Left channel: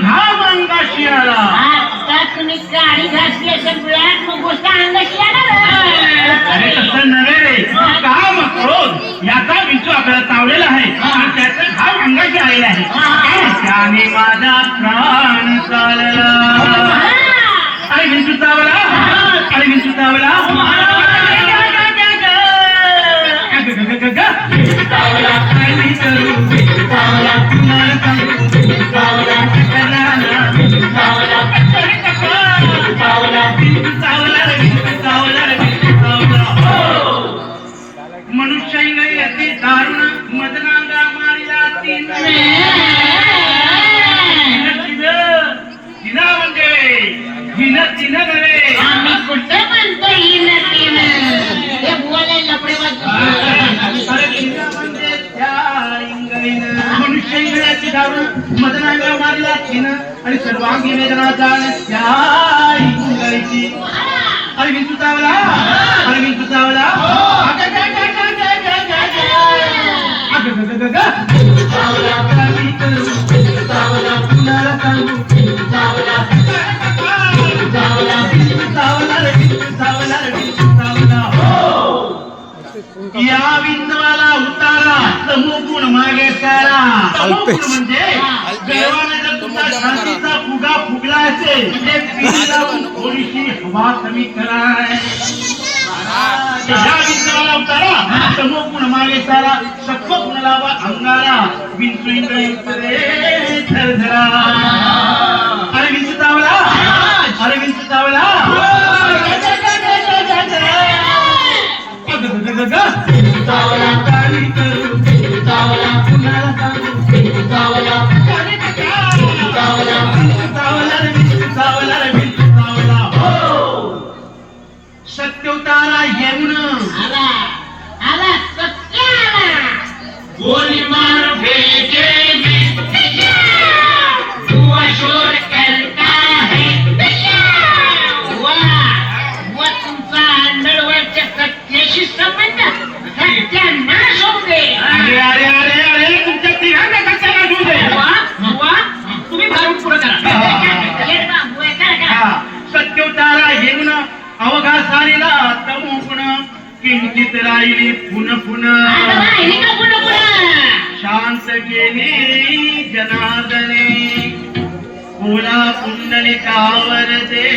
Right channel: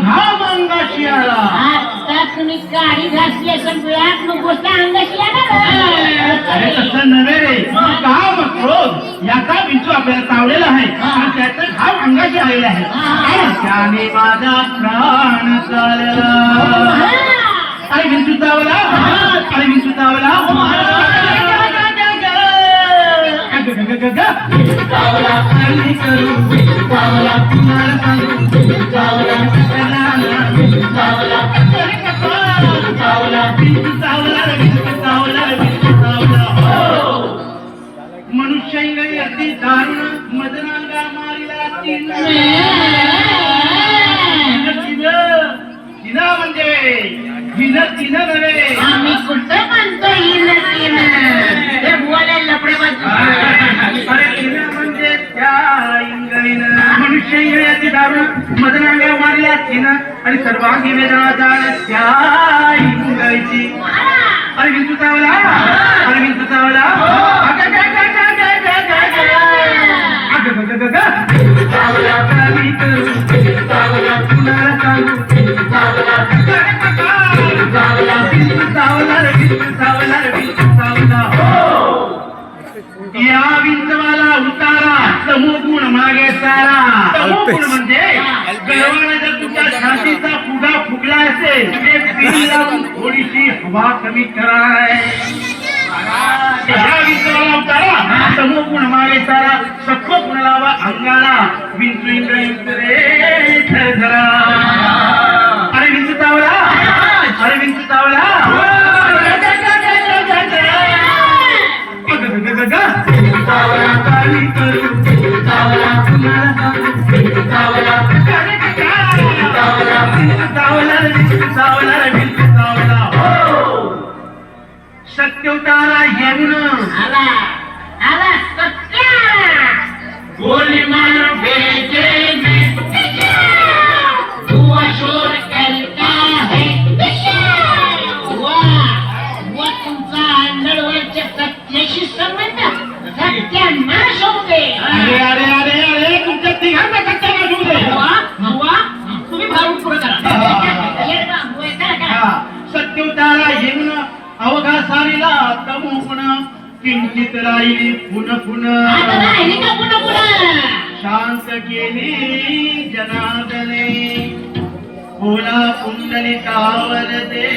घाम अंगाशी आला. आता तुम्ही गाडी घातली असेल वेळात मग गोष्ट अंगाशी येणार. अरे तसं नव्हे रे, घाम क्रोध याचा विंचू आपल्याला चावलेला आहे आणि त्याचा घाम अंगाशी आलेला आहे. त्याने माझा प्राण चालला. अरे विंचू चावला, अरे विंचू चावला. मनुष्य अति दारुण मदनांगा मारिला तिनं म्हणजे तिनं नव्हे. आम्ही कुठं म्हणतो हे बोलायला लपडे म्हणजे त्या इंगाईनं मनुष्य अति दारुण मदनांगा मारिला तिनं आणि सर्वांगी वेदना जाण त्या इंगाईची. अरे विंचू चावला, अरे विंचू चावला. या विंचवाला उतारा तमोगुण मागे सारा. तमोगुण म्हणजे गळवाने जर तुमच्या छातीचा फुगा फुगला असेल ते पिढी लावून थोडीशी हवा कमी कराय. या विंचवाला उतारा तमोगुण मागे सारा सत्वगुण लावा अंगाला. विंचू इंद्रयुक्त रे झरझरा. अरे विंचू चावला, अरे विंचू चावला. सत्य उतारा येऊन आला आला सत्य गोली मार भेजेगी हुआ शोर करता है वा तुमचा नडवरच्या सत्याशी संबंध सत्यानाश होऊ दे. अरे अरे अरे अरे तुमच्या तिघांना सत्यानाश होऊ दे. वा तुम्ही भारून पुढे करा. सत्य उतारा येऊन अवघा सारीला तमोगुण किंचित राहिली पुन पुन. शांत केली जनार्दने कोणा कुंडलिकावर दे.